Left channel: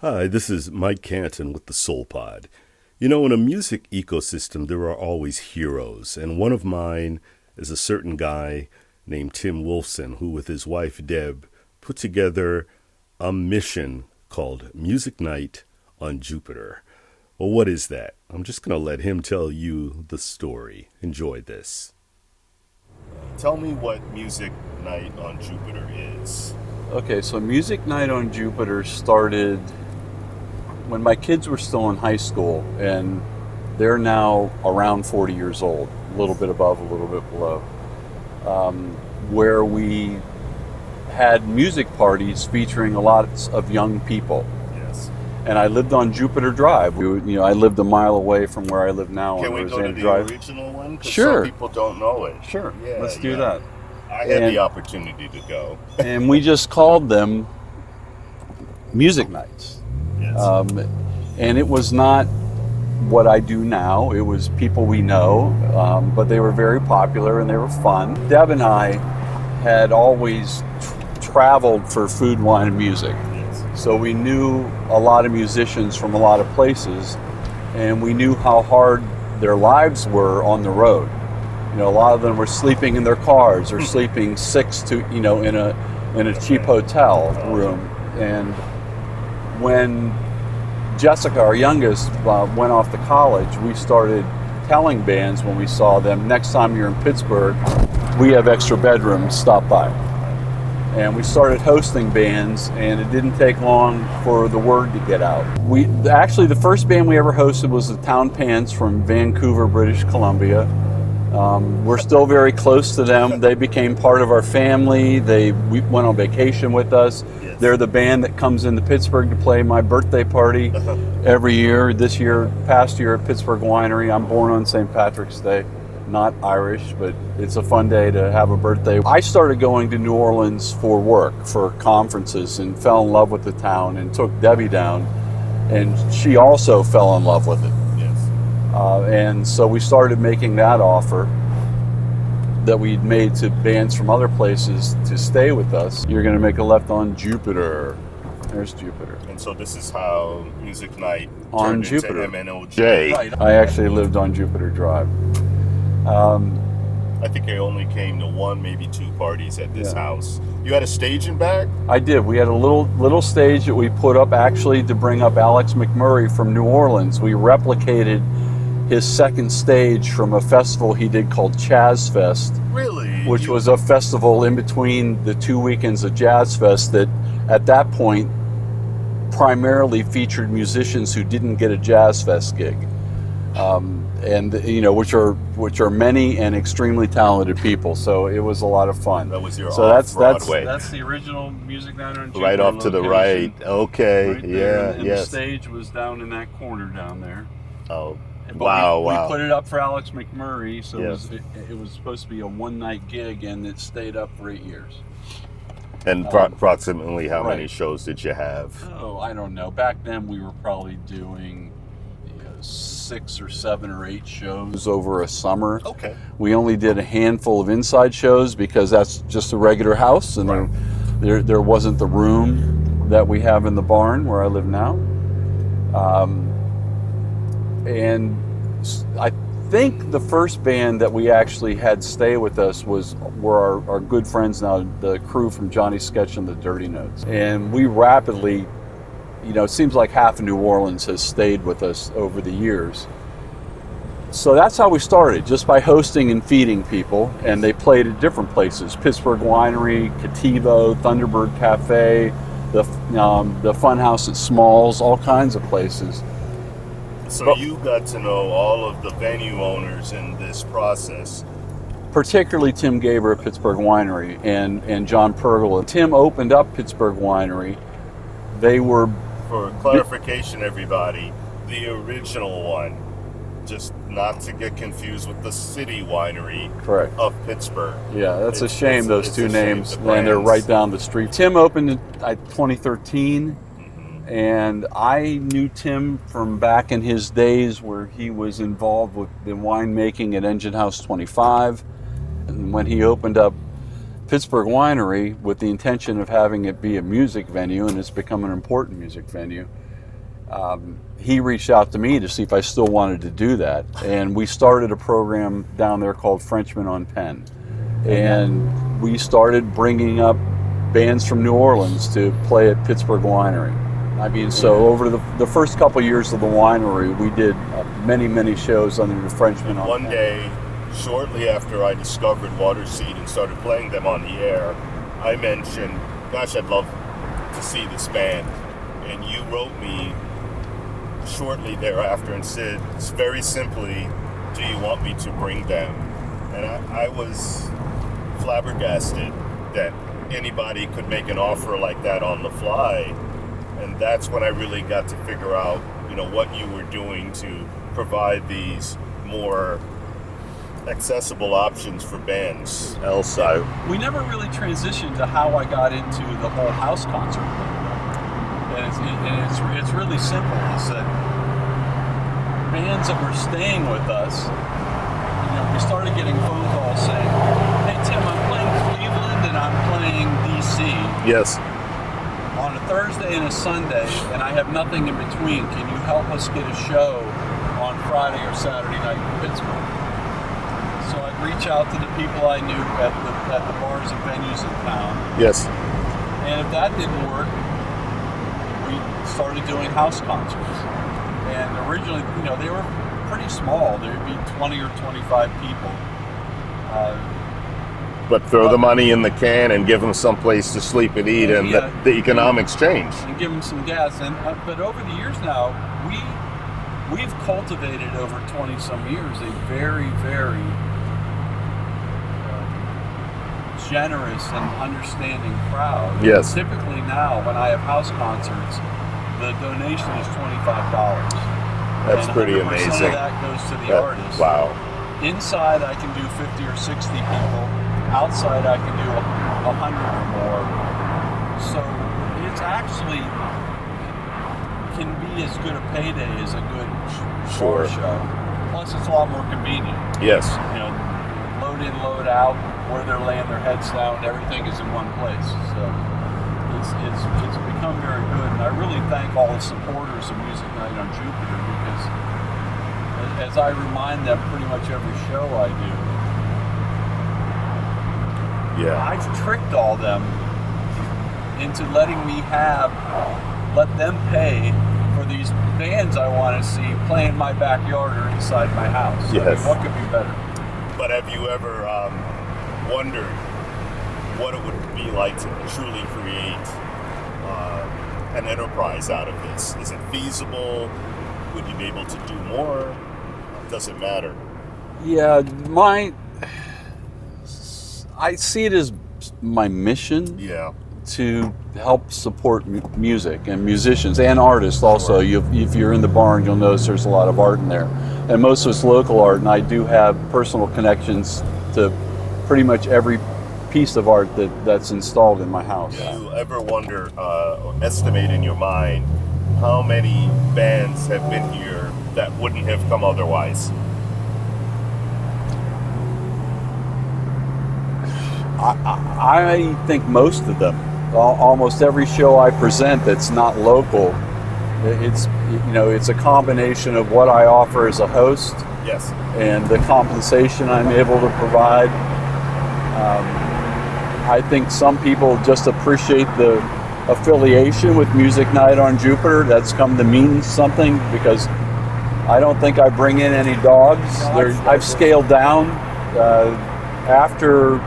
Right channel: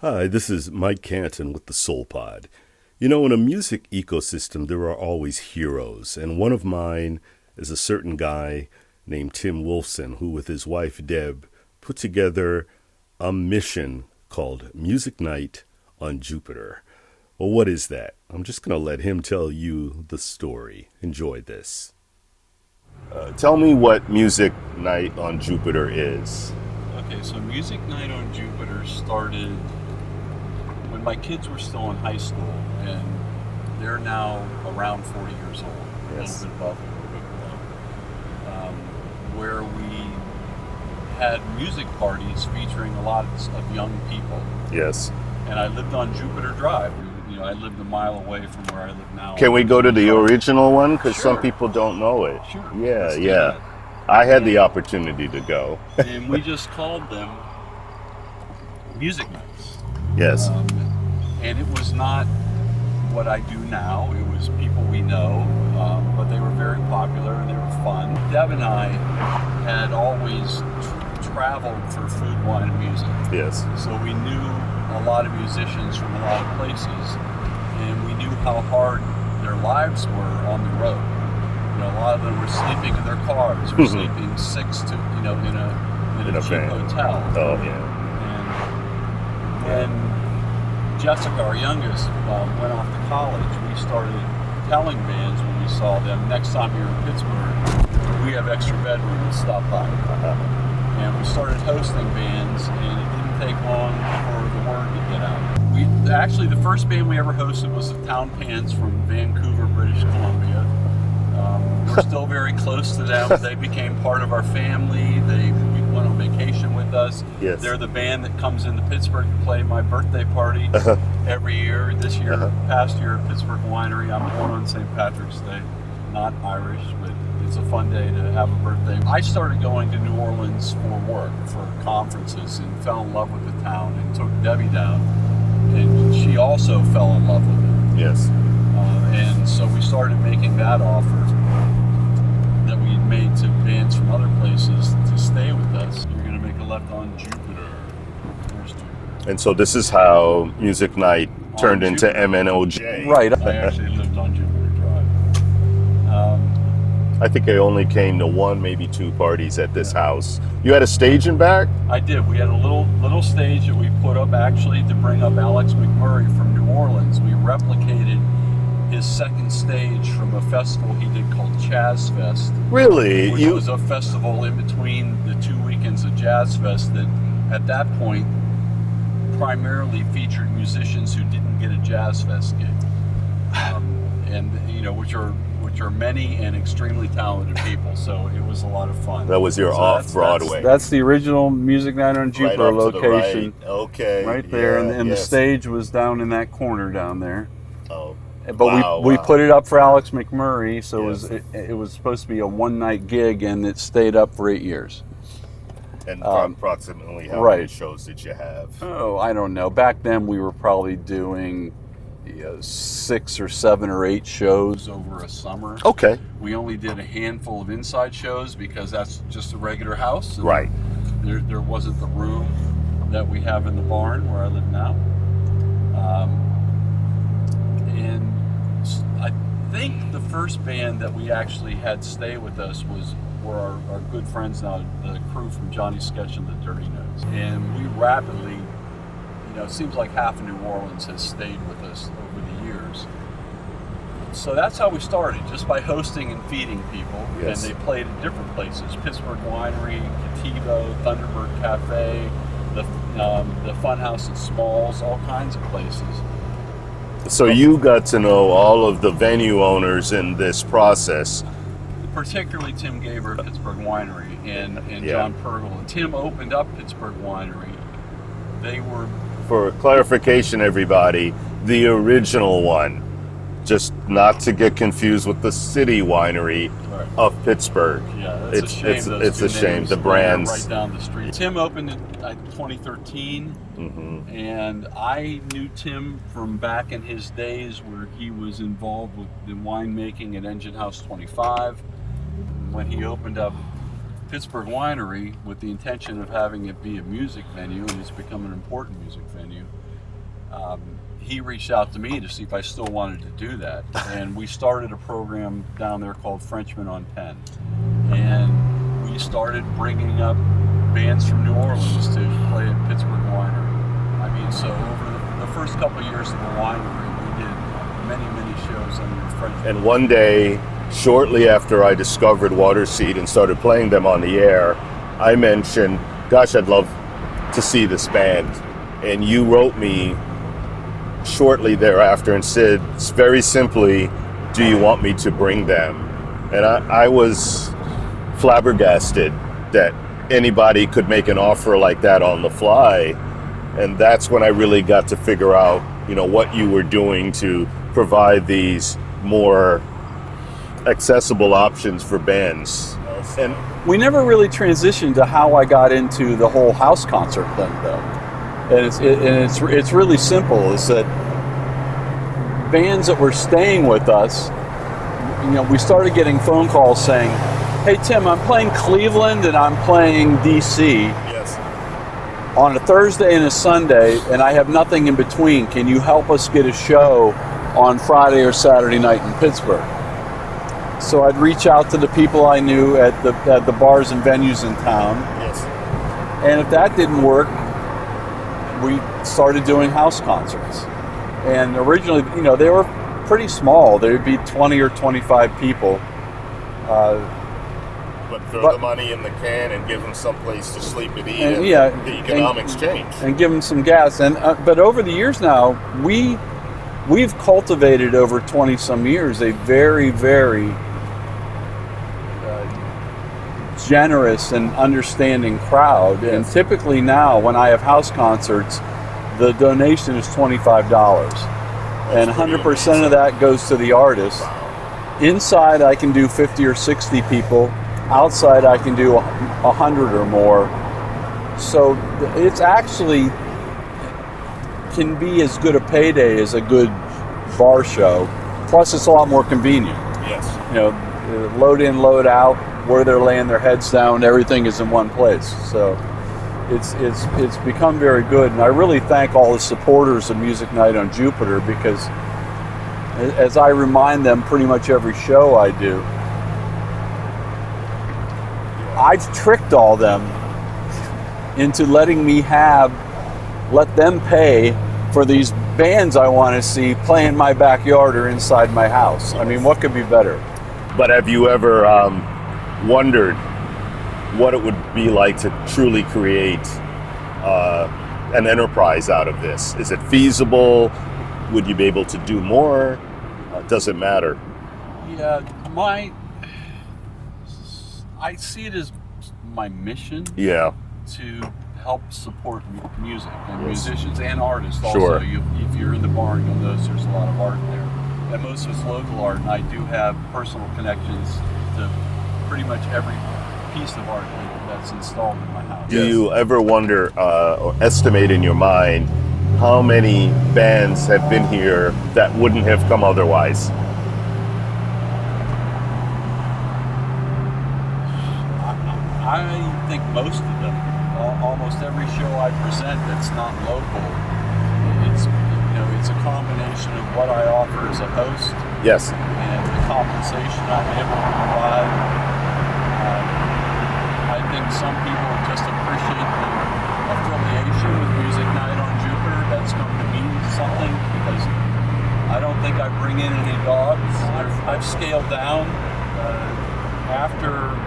Hi, this is Mike Canton with the Soul Pod. You know, in a music ecosystem, there are always heroes, and one of mine is a certain guy named Tim Wolfson, who with his wife Deb put together a mission called Music Night on Jupiter. Well, what is that? I'm just going to let him tell you the story. Enjoy this. Tell me what Music Night on Jupiter is. Okay, so Music Night on Jupiter started when my kids were still in high school, and they're now around 40 years old, a little bit above, a little bit below, where we had music parties featuring a lot of young people. Yes. And I lived on Jupiter Drive. I lived a mile away from where I live now. Can we go to the original one? Because Sure. some people don't know it. Sure. Yeah, Let's do yeah. that. I had the opportunity to go. And we just called them Music Nights. Yes. And it was not what I do now. It was people we know, but they were very popular and they were fun. Deb and I had always traveled for food, wine, and music. Yes. So we knew a lot of musicians from a lot of places, and we knew how hard their lives were on the road. You know, a lot of them were sleeping in their cars or sleeping six to, in a cheap hotel room. And when Jessica, our youngest, went off to college, we started telling bands when we saw them, next time you're in Pittsburgh, we have extra bedrooms, stop by. And we started hosting bands, and it didn't take long for the word to get out. Actually, the first band we ever hosted was the Town Pants from Vancouver, British Columbia. We're still very close to them. They became part of our family. We went on vacation with us. Yes. They're the band that comes into Pittsburgh to play my birthday party every year. This year, past year at Pittsburgh Winery. I'm born on St. Patrick's Day. Not Irish, but it's a fun day to have a birthday. I started going to New Orleans for work, for conferences, and fell in love with the town and took Debbie down, and she also fell in love with it. Yes. And so we started making that offer that we'd made to bands from other places to stay with us. You're going to make a left on Jupiter. There's Jupiter. And so this is how Music Night turned into MNOJ. Right. I actually lived on Jupiter Drive. I think I only came to one, maybe two parties at this house. You had a stage in back? I did. We had a little stage that we put up actually to bring up Alex McMurray from New Orleans. We replicated his second stage from a festival he did called Chaz Fest. Really? Which was a festival in between the 2 weekends of Jazz Fest that at that point primarily featured musicians who didn't get a Jazz Fest gig. And which are many and extremely talented people. So it was a lot of fun. That was your off-Broadway. That's the original Music Night on Jupiter right off location. to the right. Okay. Right there, Yeah, and the stage was down in that corner down there. Oh. But we put it up for Alex McMurray, so Yes. it was supposed to be a one-night gig, and it stayed up for 8 years. And approximately how many shows did you have? Oh, I don't know. Back then we were probably doing 6 or 7 or 8 shows over a summer. Okay. We only did a handful of inside shows because that's just a regular house, and Right. there wasn't the room that we have in the barn where I live now. And I think the first band that we actually had stay with us were our good friends now, the crew from Johnny Sketch and the Dirty Notes. And we rapidly, it seems like half of New Orleans has stayed with us over the years. So that's how we started, just by hosting and feeding people. Yes. And they played at different places: Pittsburgh Winery, Cativo, Thunderbird Cafe, the Funhouse at Smalls, all kinds of places. So you got to know all of the venue owners in this process. Particularly Tim Gaber at Pittsburgh Winery and John Pergola. Tim opened up Pittsburgh Winery. They were, for clarification, everybody, the original one. Just not to get confused with the City Winery of Pittsburgh. Yeah, that's a shame, those two names. The brands. They're right down the street. Tim opened in 2013. And I knew Tim from back in his days where he was involved with the winemaking at Engine House 25. And when he opened up Pittsburgh Winery with the intention of having it be a music venue, and it's become an important music venue, he reached out to me to see if I still wanted to do that. And we started a program down there called Frenchmen on Penn. And we started bringing up bands from New Orleans to play at Pittsburgh Winery. I mean, so over the first couple years of the winery, we did many shows under the Frenchmen. And one day, shortly after I discovered Waterseed and started playing them on the air, I mentioned, gosh, I'd love to see this band. And you wrote me shortly thereafter and said, very simply, do you want me to bring them? And I was flabbergasted that anybody could make an offer like that on the fly. And that's when I really got to figure out, what you were doing to provide these more accessible options for bands. We never really transitioned to how I got into the whole house concert thing, though. And it's really simple. Is that bands that were staying with us, we started getting phone calls saying, "Hey Tim, I'm playing Cleveland and I'm playing DC. Yes. On a Thursday and a Sunday, and I have nothing in between. Can you help us get a show on Friday or Saturday night in Pittsburgh?" So I'd reach out to the people I knew at the bars and venues in town. Yes. And if that didn't work, we started doing house concerts. And originally, they were pretty small. There would be 20 or 25 people. But throw the money in the can and give them some place to sleep and eat, and the economics change. And give them some gas. And but over the years now, we've cultivated over 20 some years a very, very generous and understanding crowd. Yes. And typically now, when I have house concerts, the donation is $25. And 100% of that goes to the artist. Wow. Inside, I can do 50 or 60 people. Outside, I can do 100 or more. So it's actually can be as good a payday as a good bar show. Plus, it's a lot more convenient. Yes. Load in, load out, where they're laying their heads down, everything is in one place. So it's become very good. And I really thank all the supporters of Music Night on Jupiter, because as I remind them pretty much every show I do, I've tricked all them into letting me let them pay for these bands I want to see play in my backyard or inside my house. Yes. I mean, what could be better? But have you ever wondered what it would be like to truly create an enterprise out of this? Is it feasible? Would you be able to do more? Does it matter? Yeah, I see it as my mission. Yeah. To help support music and musicians and artists also. Sure. If you're in the barn, you'll notice there's a lot of art in there. And most of it's local art, and I do have personal connections to pretty much every piece of art that's installed in my house. Do you ever wonder or estimate in your mind how many bands have been here that wouldn't have come otherwise? I think most of them. Almost every show I present that's not local, it's a combination of what I offer as a host. Yes. And the compensation I'm able to provide. I think some people just appreciate the affiliation with Music Night on Jupiter. That's come to mean something, because I don't think I bring in any dogs. I've scaled down after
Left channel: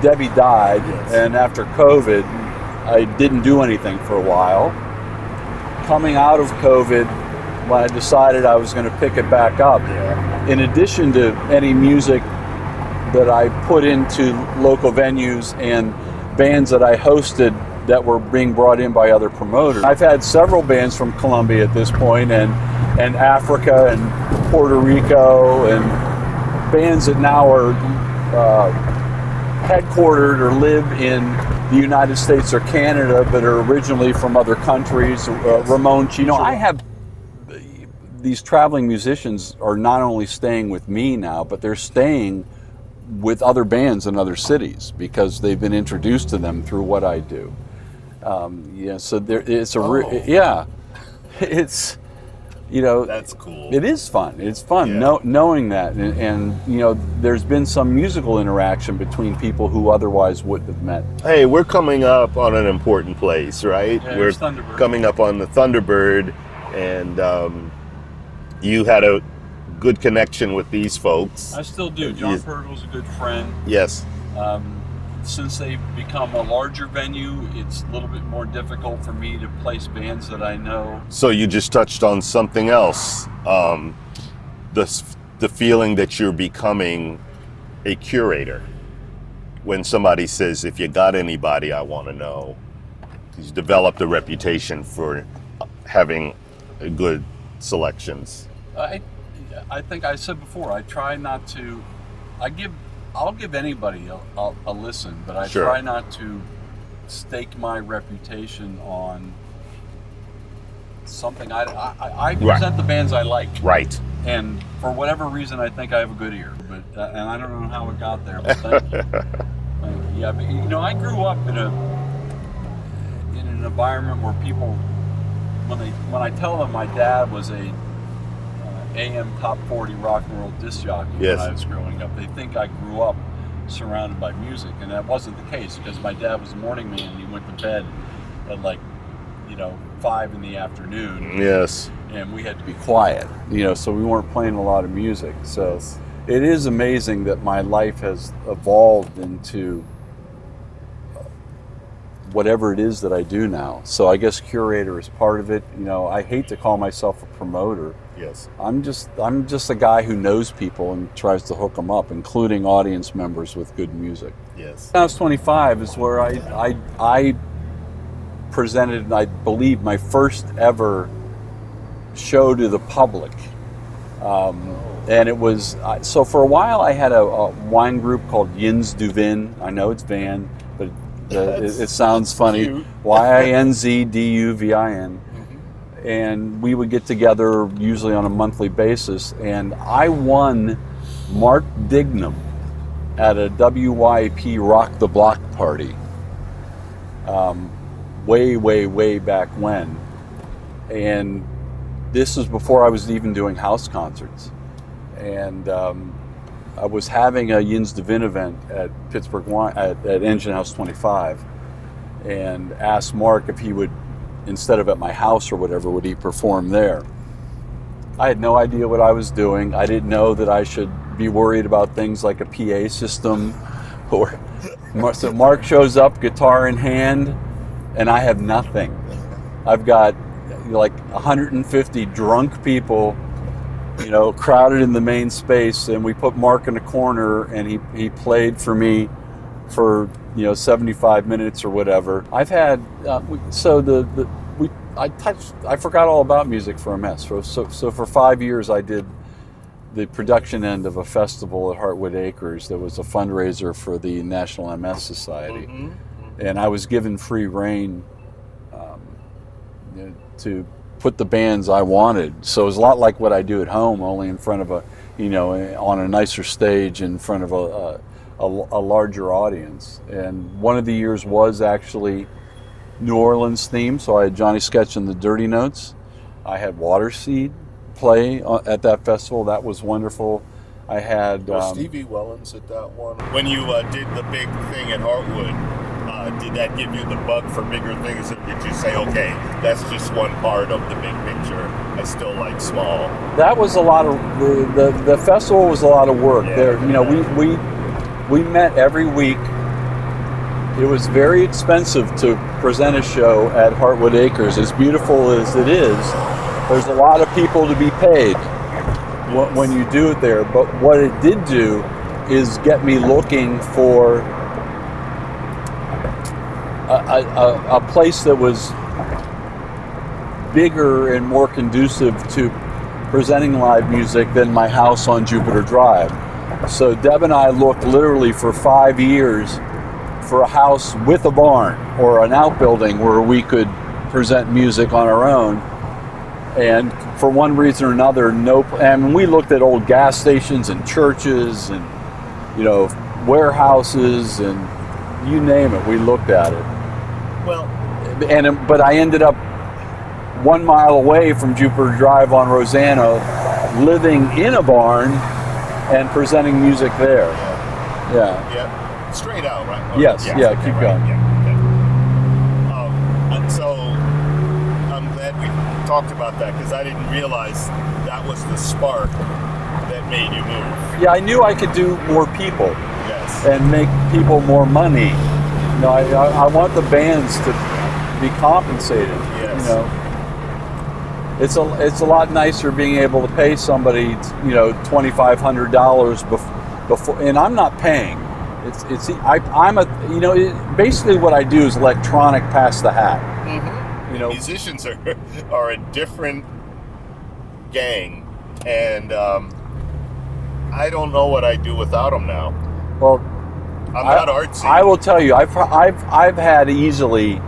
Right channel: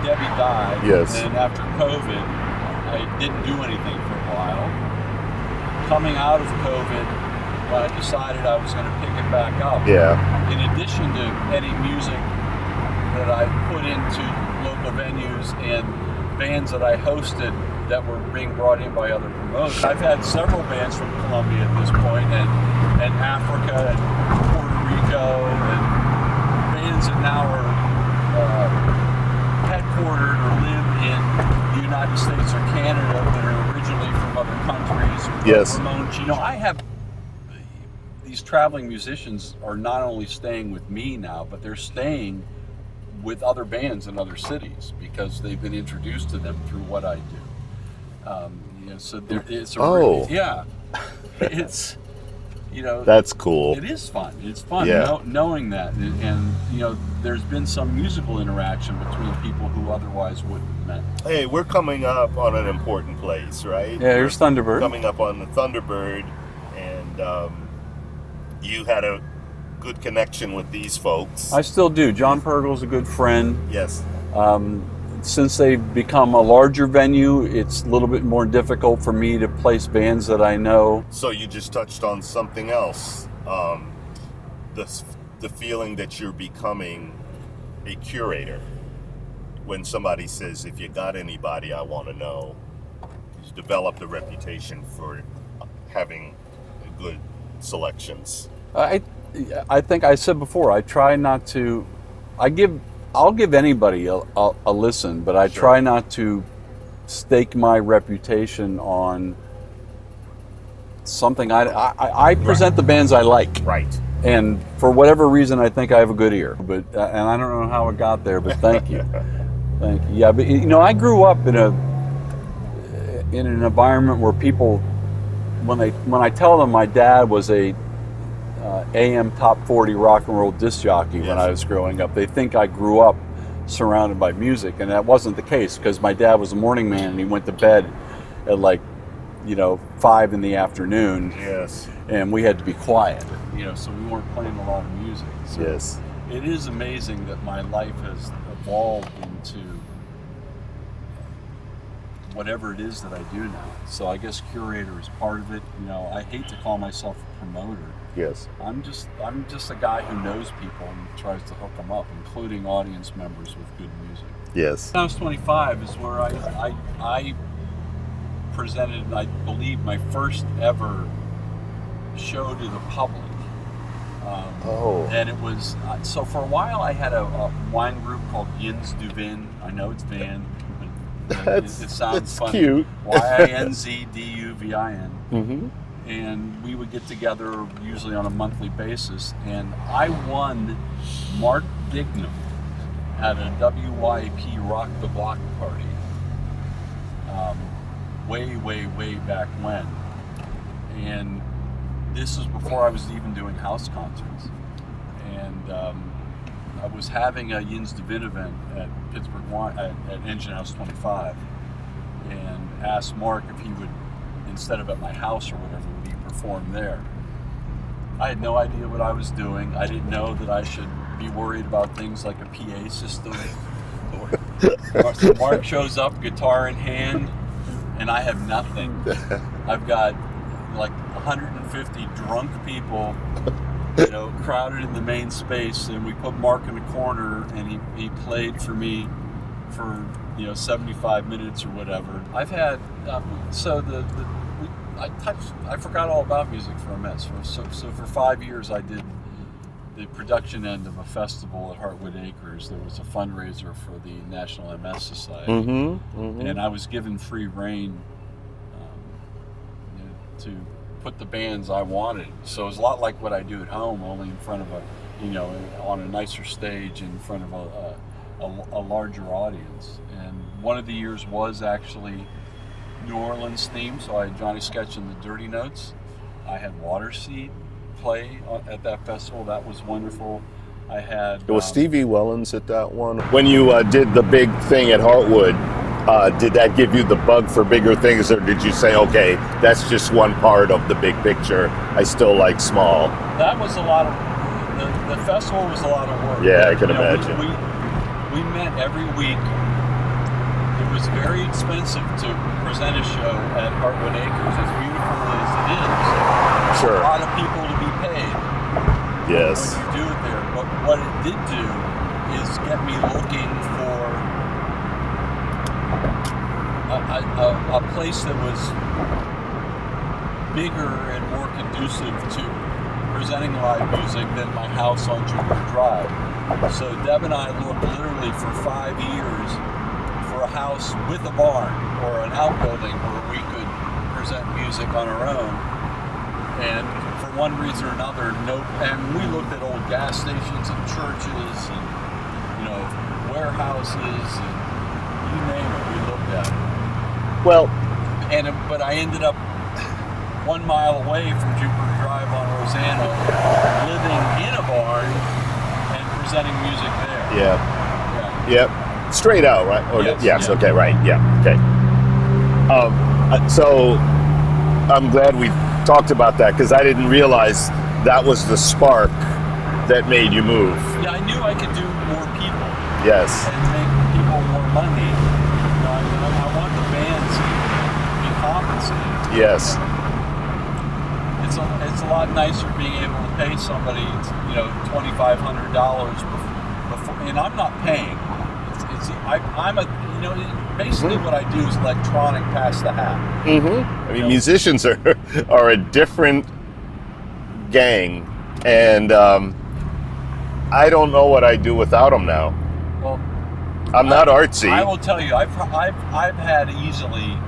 Debbie died. Yes. And after COVID, I didn't do anything for a while. Coming out of COVID, when I decided I was going to pick it back up, in addition to any music that I put into local venues and bands that I hosted that were being brought in by other promoters, I've had several bands from Colombia at this point, and Africa and Puerto Rico, and bands that now are headquartered or live in the United States or Canada, but are originally from other countries. Yes. Ramon Chino. I have these traveling musicians are not only staying with me now, but they're staying with other bands in other cities because they've been introduced to them through what I do. So it's a Oh. yeah, it's That's cool. it is fun. It's fun Yeah. knowing that, and there's been some musical interaction between people who otherwise wouldn't have met. Hey, we're coming up on an important place, right? Yeah, here's We're Thunderbird. Coming up on the Thunderbird, and you had a good connection with these folks. I still do. John Yes. Pergle's a good friend. Yes. Since they've become a larger venue, it's a little bit more difficult for me to place bands that I know. So you just touched on something else. The feeling that you're becoming a curator. When somebody says, if you got anybody I want to know, he's developed a reputation for having good selections. I think I said before, I try not to. I'll give anybody a listen, but I Sure. try not to stake my reputation on something. I present the bands I like, Right. and for whatever reason, I think I have a good ear. But and I don't know how it got there, but thank you, thank you. Yeah, but I grew up in an environment where people, when I tell them my dad was a AM top 40 rock and roll disc jockey Yes. when I was growing up, they think I grew up surrounded by music, and that wasn't the case, because my dad was a morning man and he went to bed at 5 in the afternoon, Yes. and we had to be quiet, so we weren't playing a lot of music. So Yes. it is amazing that my life has evolved into whatever it is that I do now. So I guess curator is part of it. I hate to call myself a promoter. Yes. I'm just a guy who knows people and tries to hook them up, including audience members with good music. Yes. When I was 25 is where I presented, I believe, my first ever show to the public. And it was, so for a while I had a wine group called Yins du Vin. I know it's Van, but it sounds funny. Cute. YINZDUVIN. Mm-hmm. And we would get together usually on a monthly basis, and I won Mark Dignam at a WYP Rock the Block party way back when. And this was before I was even doing house concerts. And I was having a Yins du Vin event at Pittsburgh at Engine House 25, and asked Mark if he would, instead of at my house or whatever, would he perform there. I had no idea what I was doing. I didn't know that I should be worried about things like a PA system. So Mark shows up, guitar in hand, and I have nothing. I've got 150 drunk people, crowded in the main space, and we put Mark in a corner, and he played for me for 75 minutes or whatever. I've had I forgot all about music for a mess. So for 5 years I did the production end of a festival at Heartwood Acres that was a fundraiser for the National MS Society. Mm-hmm. Mm-hmm. And I was given free rein to put the bands I wanted. So it was a lot like what I do at home, only in front of on a nicer stage in front of a larger audience. And one of the years was actually New Orleans themed, so I had Johnny Sketch and the Dirty Notes. I had Waterseed play at that festival. That was wonderful. I had... Was Stevie Wellens at that one? When you did the big thing at Heartwood, did that give you the bug for bigger things, or did you say, okay, that's just one part of the big picture, I still like small? That was a lot of... The festival was a lot of work. Yeah, I can imagine. We met every week. It was very expensive to present a show at Heartwood Acres, as beautiful as it is. There's a lot of people to be paid when you do it there. But what it did do is get me looking for a place that was bigger and more conducive to presenting live music than my house on Jupiter Drive. So Deb and I looked literally for 5 years for a house with a barn or an outbuilding where we could present music on our own. And for one reason or another, and we looked at old gas stations and churches and warehouses and you name it, we looked at it. Well, but I ended up 1 mile away from Jupiter Drive on Rosanna, living in a barn and presenting music there. Yeah. Yep. Straight out, right? Yes. Yes. Yeah, Okay. keep Right. going. Yeah. Okay. So I'm glad we talked about that, because I didn't realize that was the spark that made you move. Yeah, I knew I could do more people Yes. and make people more money. You know, I want the bands to be compensated. Yes. You know? It's a lot nicer being able to pay somebody, you know, $2,500 before, and I'm not paying. I'm a, you know, basically what I do is electronic pass the hat. Mm-hmm. I mean, know? musicians are a different gang, and I don't know what I do without them now. Well, I'm not artsy. I will tell you, I've had easily,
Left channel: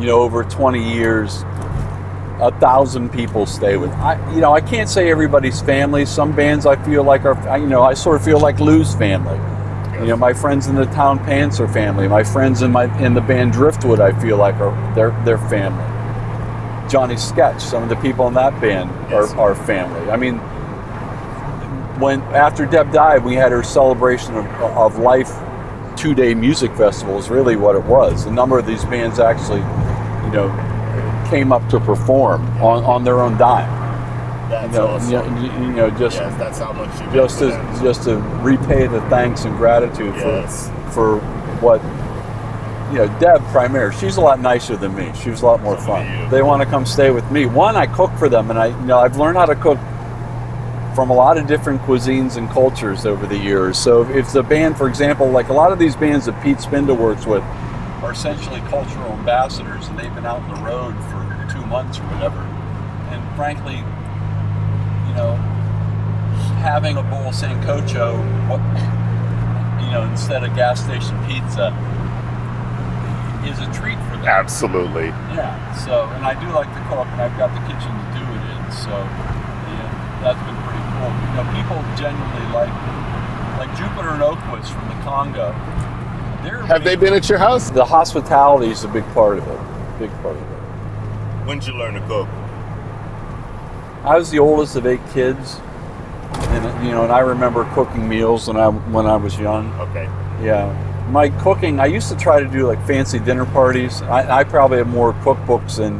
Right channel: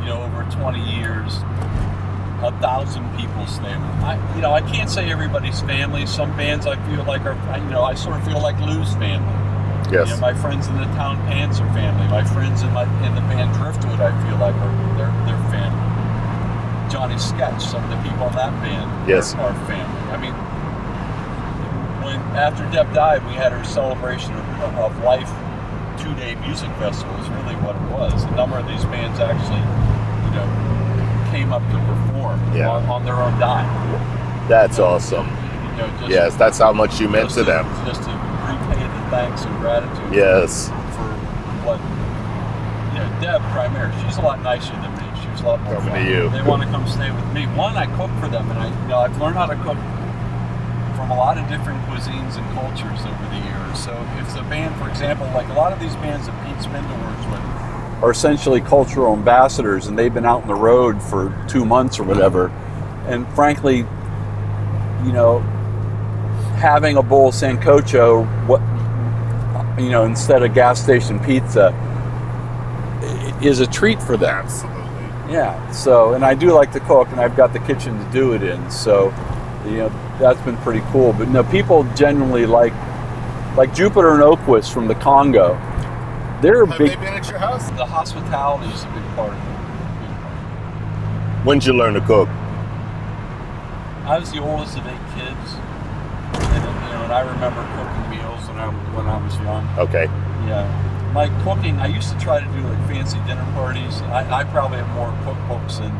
you know, over 20 years, 1,000 people stay with. I can't say everybody's family. Some bands I feel like I sort of feel like Lou's family. Yes. You know, my friends in the Town Pants are family. My friends in the band Driftwood, I feel like they're family. Johnny Sketch, some of the people in that band are family. I mean, after Deb died, we had her celebration of life 2-day music festival is really what it was. A number of these bands actually, you know, came up to perform on their own dime. That's awesome. You know, just yes, that's how much you meant to them. Just to repay the thanks and gratitude. For what, you know, Deb primarily. She's a lot nicer than me. She was a lot more fun. They want to come stay with me. One, I cook for them, and I've learned how to cook from a lot of different cuisines and cultures over the years. So if the band, for example, like a lot of these bands that Pete Spinda works with, are essentially cultural ambassadors, and they've been out on the road for 2 months or whatever. And frankly, you know, having a bowl of Sancocho, instead of gas station pizza, is a treat for them. Absolutely. Yeah. So, and I do like to cook, and I've got the kitchen to do it in. So, you know, that's been pretty cool. But no, people genuinely like Jupiter and Oquist from the Congo. Have they been at your house? The hospitality is a big part of it. When did you learn to cook? I was the oldest of 8 kids, and I remember cooking meals when I was young. Okay. Yeah, my cooking. I used to try to do like fancy dinner parties. I probably have more cookbooks than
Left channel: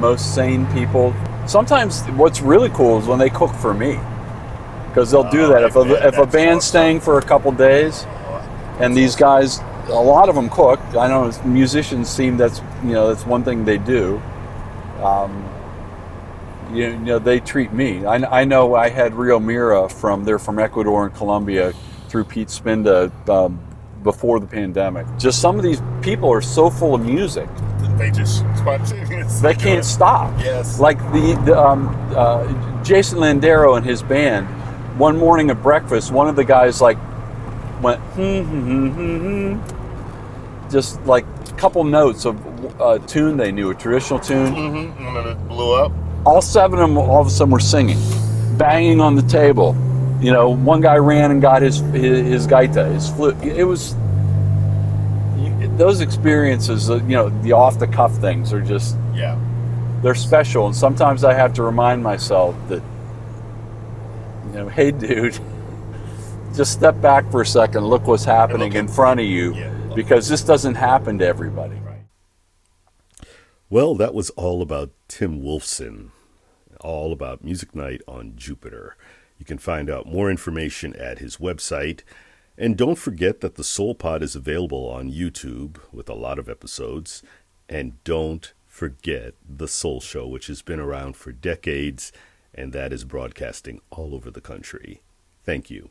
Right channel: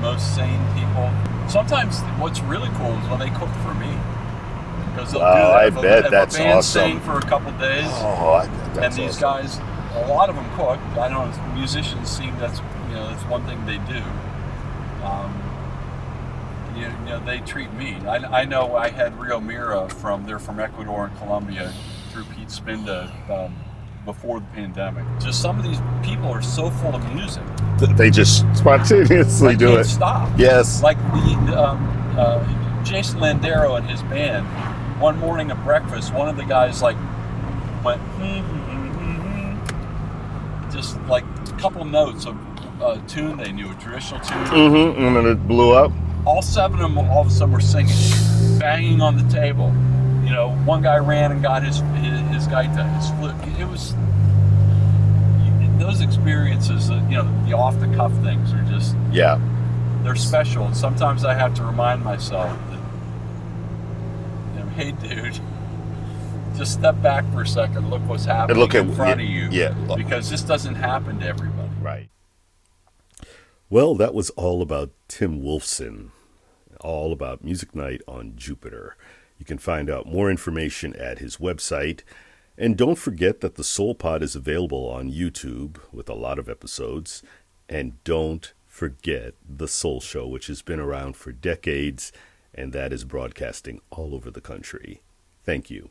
most sane people. Sometimes what's really cool is when they cook for me, because they'll do that. If a band's staying for a couple days. And these guys, a lot of them cook. I know musicians seem that's one thing they do. They treat me. I know I had Rio Mira they're from Ecuador and Colombia through Pete Spinda before the pandemic. Just some of these people are so full of music. They just spontaneously do it. They can't stop. Yes. Like Jason Landero and his band, one morning at breakfast, one of the guys went just like a couple notes of a tune they knew, a traditional tune. Mm-hmm. And then it blew up. All 7 of them all of a sudden were singing, banging on the table. You know, one guy ran and got his gaita, his flute. It was those experiences, the off the cuff things are just they're special. And sometimes I have to remind myself that, hey dude, just step back for a second, look what's happening in front of you, because this doesn't happen to everybody. Right. Well, that was all about Tim Wolfson, all about Music Night on Jupiter. You can find out more information at his website. And don't forget that the Soul Pod is available on YouTube with a lot of episodes. And don't forget the Soul Show, which has been around for decades, and that is broadcasting all over the country. Thank you.